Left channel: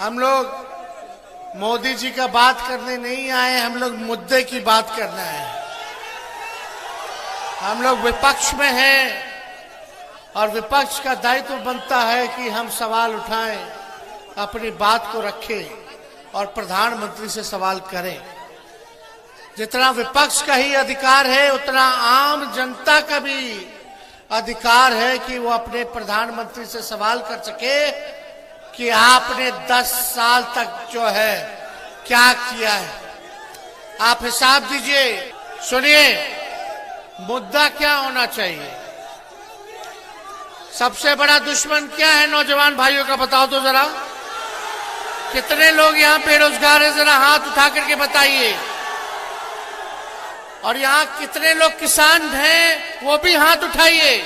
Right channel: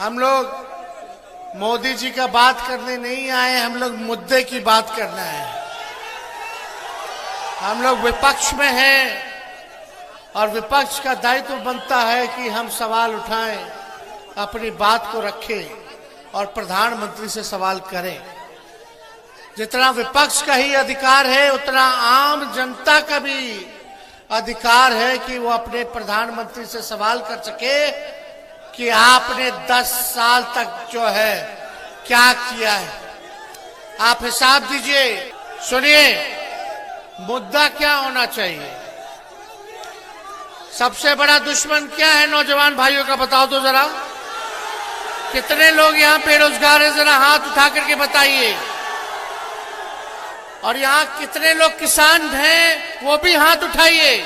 हम लोग मोदी जी का बात करने नहीं आए, हम लोग मुद्दे की बात करना है। हम लोग विपक्ष में हैं और विपक्ष का दायित्व बनता है कि हम सवाल उठाएं, अपनी बात को रखें और प्रधानमंत्री से सवाल करें। जितना विपक्ष का ही अधिकार है उतना आम जनता का भी अधिकार है कि वो अपने प्रधानमंत्री से सवाल कर सके कि आपने 10 साल तक जो है क्या किया है। आप हिसाब दीजिए। सुनिए, मुद्दा क्या होना चाहिए? सबसे बड़ा दुश्मन क्या है नौजवान भाइयों का, बताओ तो जरा। कितने लोग यहाँ बेरोजगार हैं, जरा हाथ उठा करके बताइए। और यहाँ कितने लोग किसान हैं, वो भी हाथ उठाइए।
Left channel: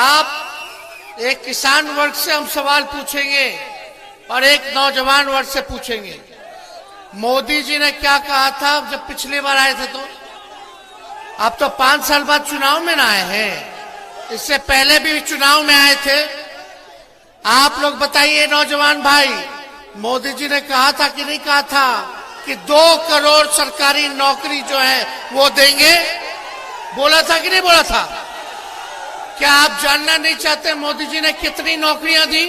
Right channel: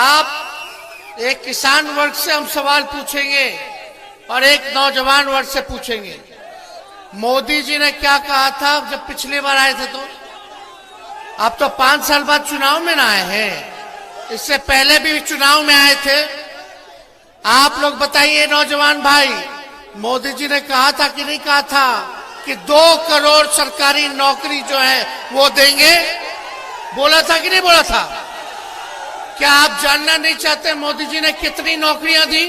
आप एक किसान वर्ग से हम सवाल पूछेंगे और एक नौजवान वर्ग से पूछेंगे। मोदी जी ने क्या कहा था जब पिछली बार आए थे? तो अब तो 5 साल बाद चुनाव में ना आए हैं, इससे पहले भी चुनाव में आए थे। आप लोग बताइए नौजवान भाई, मोदी जी ने कहा था कि नहीं कहा था कि 2 करोड़ सरकारी नौकरी जो है वो देंगे? बोला था कि नहीं बोला था? क्या आप जानना नहीं चाहते मोदी जी ने कितनी नौकरियां दी?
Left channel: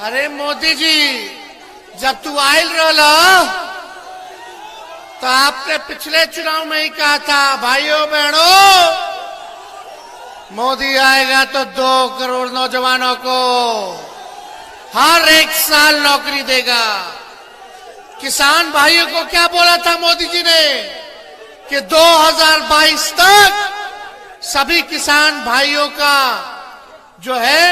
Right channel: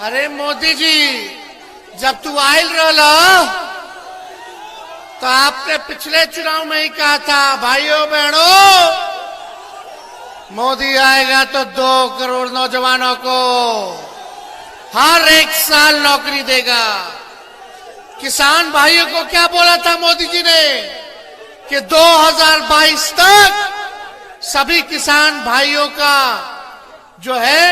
अरे मोदी जी, जब तू आयल रहा तो आपने पिछले चुनाव में ही कहा था, भाइयों बहनों, मोदी आएगा तो 2 करोड़ नौजवानों को हर एक साल नौकरी देगा। किसान भाइयों को क्या बोला था मोदी जी ने कि 2022 तक सभी किसान भाइयों का जो है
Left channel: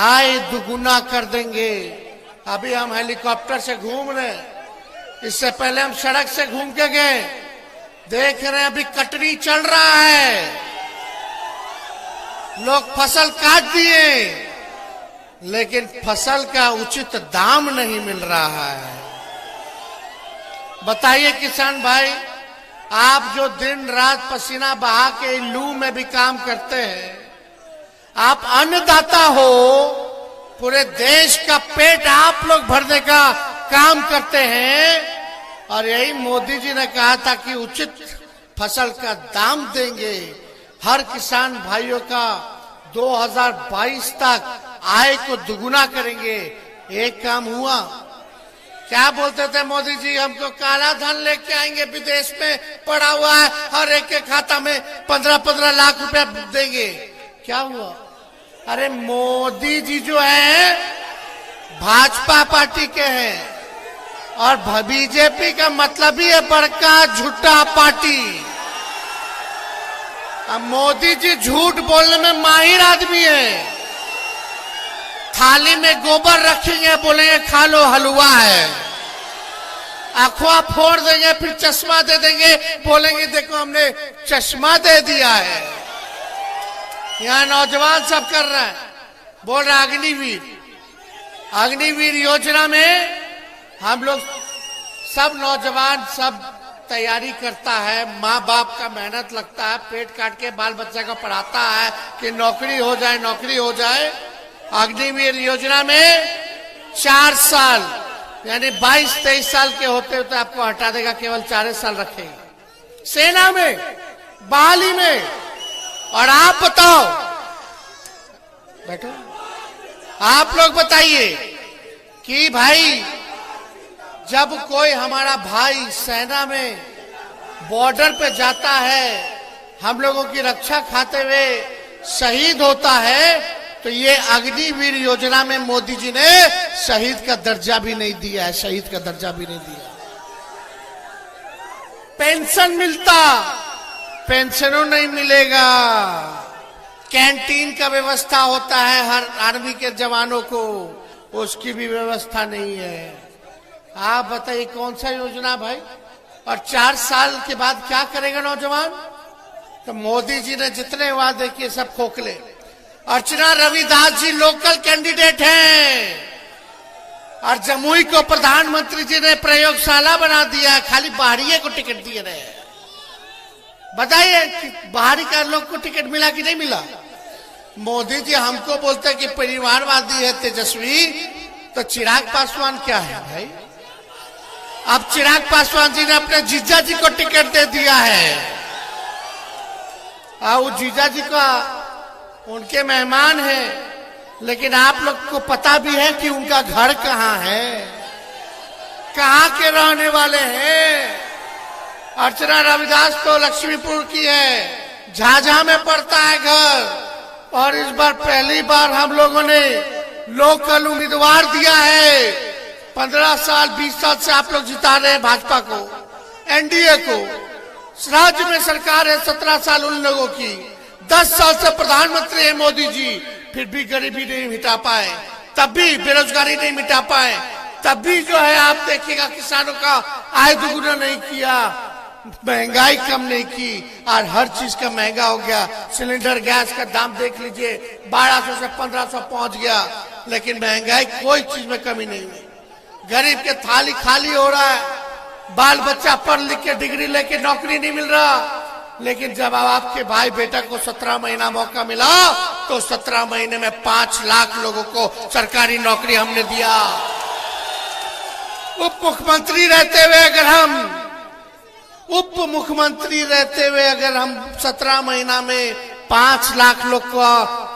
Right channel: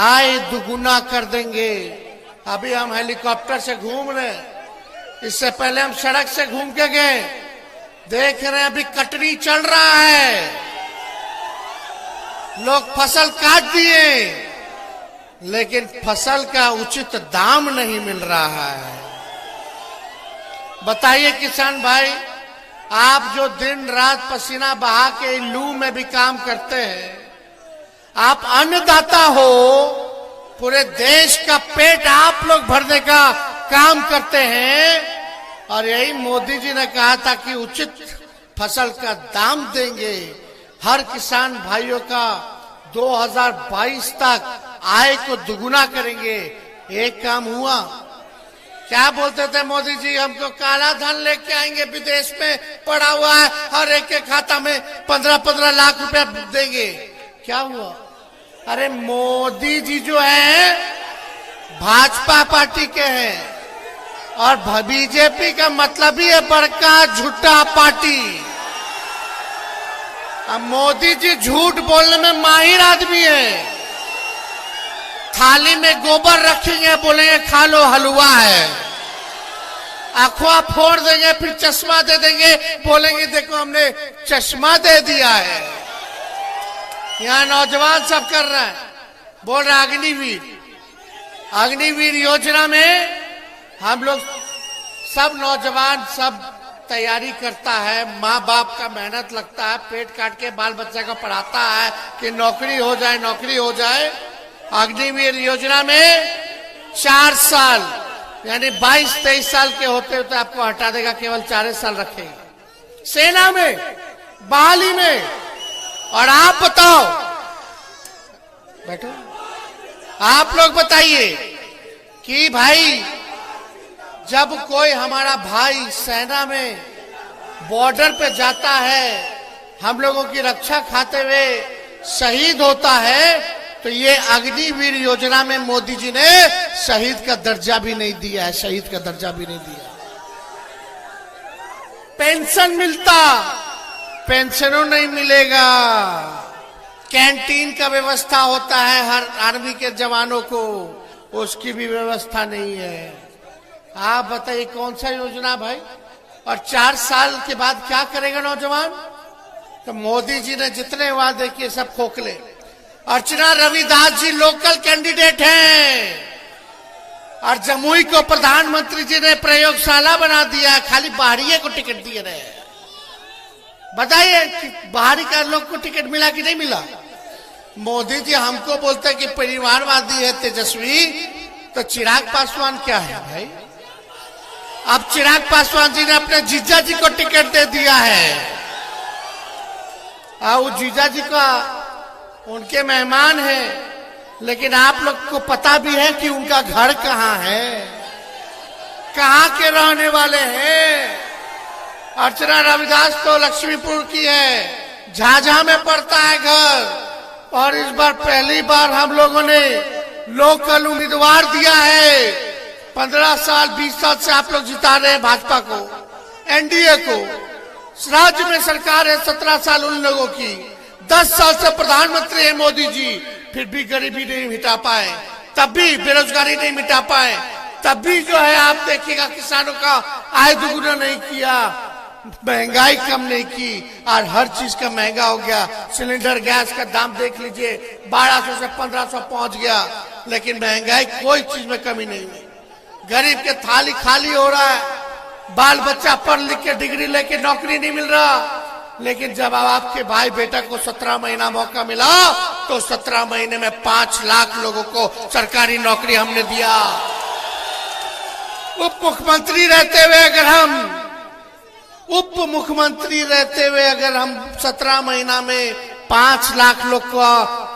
आय दुगुना कर देंगे। अभी हम हेलीकॉप्टर से घूम रहे हैं, इससे पहले हम सड़क से घूम के गए, देख रहे हैं अभी कटनी चल रहा है, लोग फसल काट दिए लेकिन फसल का उचित दाम नहीं मिल रहा है। बताइए किसान भाई, आप जो दिन रात पसीना बहा के लू में भी काम करते हैं, आप अन्नदाता हो, पूरे देश का पेट आप लोग भरने का काम करते हैं और यही मोदी जी ने कहा था कि उचित फसल का दाम देंगे, हर किसान भाइयों का 2022 तक आय को दुगुना करेंगे। एक काम हुआ? क्या बोलते थे मोदी जी, हम तो काला धन लेके आएंगे, विदेश में पड़ा हुआ है, हर एक के खाता में 15-15 लाख रुपया देंगे। क्या हुआ? अरे मोदी जी जो है भाजपा पार्टी के हैं और बीजेपी का मतलब ही है बड़का झूठा पार्टी। अब मोदी जी झूठ बोलने में माहिर आदमी है। थाली में गोबर रखेंगे, बोलेंगे खा लो हलवा है, अखवा फोड़ देंगे, फिर चश्मा दे देंगे, बोलेंगे देखो हमने चश्मा दे दिया है। यहाँ नौजवान सब कर रहा है, बोल रहा अग्निवीर। अग्निवीर योजना में हम लोग सब नौजवान सब तैयारी करता है, माँ बाप का मेहनत लगता है, पेट काट के बाल बच्चा का पढ़ाता है कि नौकरी हो जाए, नौकरी हो जाए। अग्निवीर योजना में 4 साल यानी 22-23 साल के होते होते आपको हटा देगा, केवल 4 साल रखेगा सेना में, बहाली में। और आप बताओ बेटा, आप लोग बताइए कि भाई जब कोई हमारा भाई सेना में बॉर्डर पे जाता है, हम लोगों की रक्षा खाते हुए शहीद होता है, तो ये अग्निवीर योजना में मोदी जी ने शहीद का दर्जा भी नहीं दिया है, शहीद का दर्जा भी नहीं दिया। पेंशन मिलता, पेंशनों नहीं मिलेगा। कैंटीन का व्यवस्था होता है हर आर्मी के जवानों को, उसकी भी व्यवस्था नहीं है। आप बताइए कौन सा योजना भाई? और 4 साल के बाद क्या करेगा नौजवान? तो मोदी जी ने जितने वादे किए सब खोखले। अर्चना रविदास जी लोकल कैंडिडेट हैं और जमुई को प्रधानमंत्री जी ने प्रयोगशाला बना दिया, खाली बाहरिये को टिकट दिए रहे। बताइए बाहरी का लोग को टिकट मिला कि नहीं मिला? मोदी जी हमको बोलते कि परिवारवादी है तेजस्वी, तो चिराग पासवान क्या है भाई? अब चिराग पासवान जी ने अपने जीजा जी को टिकट दे दिया है, वो जीजा जी का उनके मेहमान है, लेकिन आप लोग को पता भी है कि उनका घर कहाँ है, कहाँ के रहने वाले हैं। अर्चना रविदास तो लक्ष्मीपुर की है, झाझा में पड़ता है घर, और इस बार पहली बार हम लोगों ने लोकल उम्मीदवार दिया है। 15 साल 20 साल से आप लोग जिता रहे हैं भाजपा को, एनडीए को। राज्य में सरकार है 17 साल उन लोगों की, 10 साल से प्रधानमंत्री है मोदी जी, फिर भी गरीबी नहीं मिटा पाए, तब भी बेरोजगारी नहीं मिटा पाए, तब भी जो है आप देखिएगा किसानों का आय दुगुना नहीं किया, महंगाई कम नहीं की, और हर चीज का महंगा हो गया। सिलेंडर गैस का दाम देख लीजिए, 1200 से 1500 पहुंच गया, लेकिन महंगाई कोई चीज में कमी नहीं है। गरीब के थाली खाली हो रहा है, बाल बच्चा पढ़ लिख के डिग्री लेके नौकरी नहीं मिल रहा, लेकिन जब आपके भाई बेटा को 17 महीना मौका मिला तो 17 महीने में 5 लाख लोगों को सरकारी नौकरी हमने दिया। उप मुख्यमंत्री रहते हुए अगर हम 17 महीना में 5 लाख लोग को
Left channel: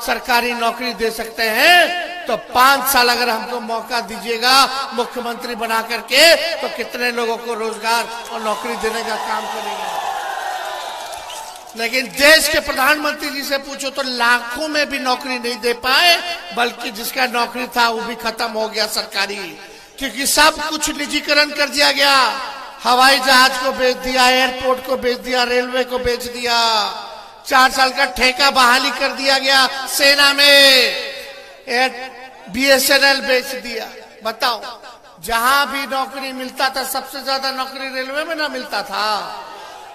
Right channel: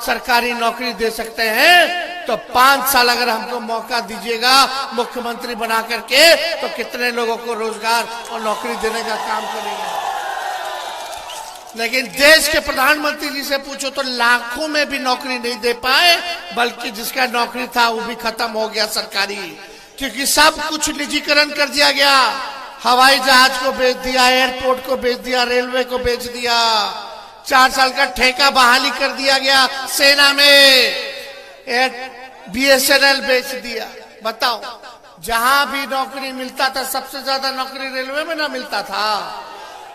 सरकारी नौकरी दे सकते हैं, तो 5 साल अगर हमको मौका दीजिएगा मुख्यमंत्री बना करके, तो कितने लोगों को रोजगार और नौकरी देने का काम करेंगे। लेकिन देश के प्रधानमंत्री जी से पूछो तो लाखों में भी नौकरी नहीं दे पाए, बल्कि जिसका नौकरी था वो भी खत्म हो गया सरकारी, क्योंकि सब कुछ निजीकरण कर दिया गया। हवाई जहाज को बेच दिया, एयरपोर्ट को बेच दिया, रेलवे को बेच दिया, 4 साल का ठेका बहाली कर दिया गया सेना में, BSNL बेच दिया। बताओ, जहां भी नौकरी मिलता था, सबसे ज्यादा नौकरी रेलवे में ना मिलता था,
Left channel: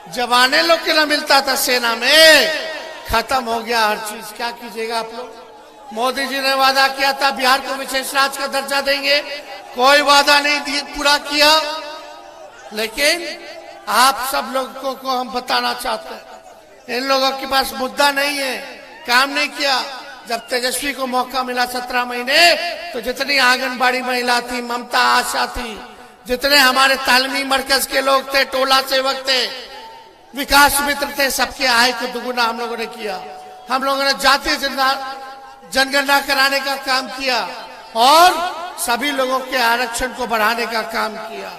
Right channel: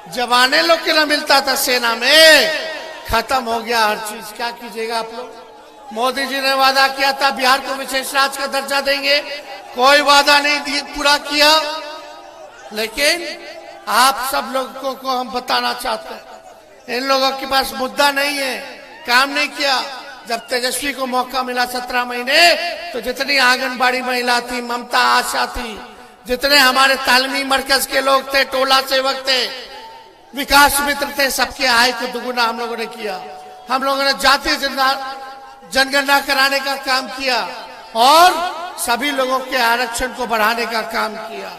जवाने लोग के ना मिलता था सेना में, खत्म हो गया हर चीज। क्या कीजिएगा आप लोग? मोदी जी ने वादा किया था बिहार को विशेष राज्य का दर्जा देंगे, कोई वादा नहीं पूरा किया। लेकिन आप सब लोगों को हम बताना चाहते हैं, इन लोगों के पास मुद्दा नहीं है, काम नहीं किया। जब तेजस्वी को मौका मिला 17 महीने, तो जितनी आंगनबाड़ी महिला थी, ममता आशा थी, जितने हमारे तालीमी मरकज के लोग थे, टोला सेवक थे, विकास मित्र थे, सबके आय को दुगुना हम लोगों ने किया। हम लोगों ने जातीय जनगणना कराने का काम किया और सभी लोगों के आरक्षण को बढ़ाने का काम किया।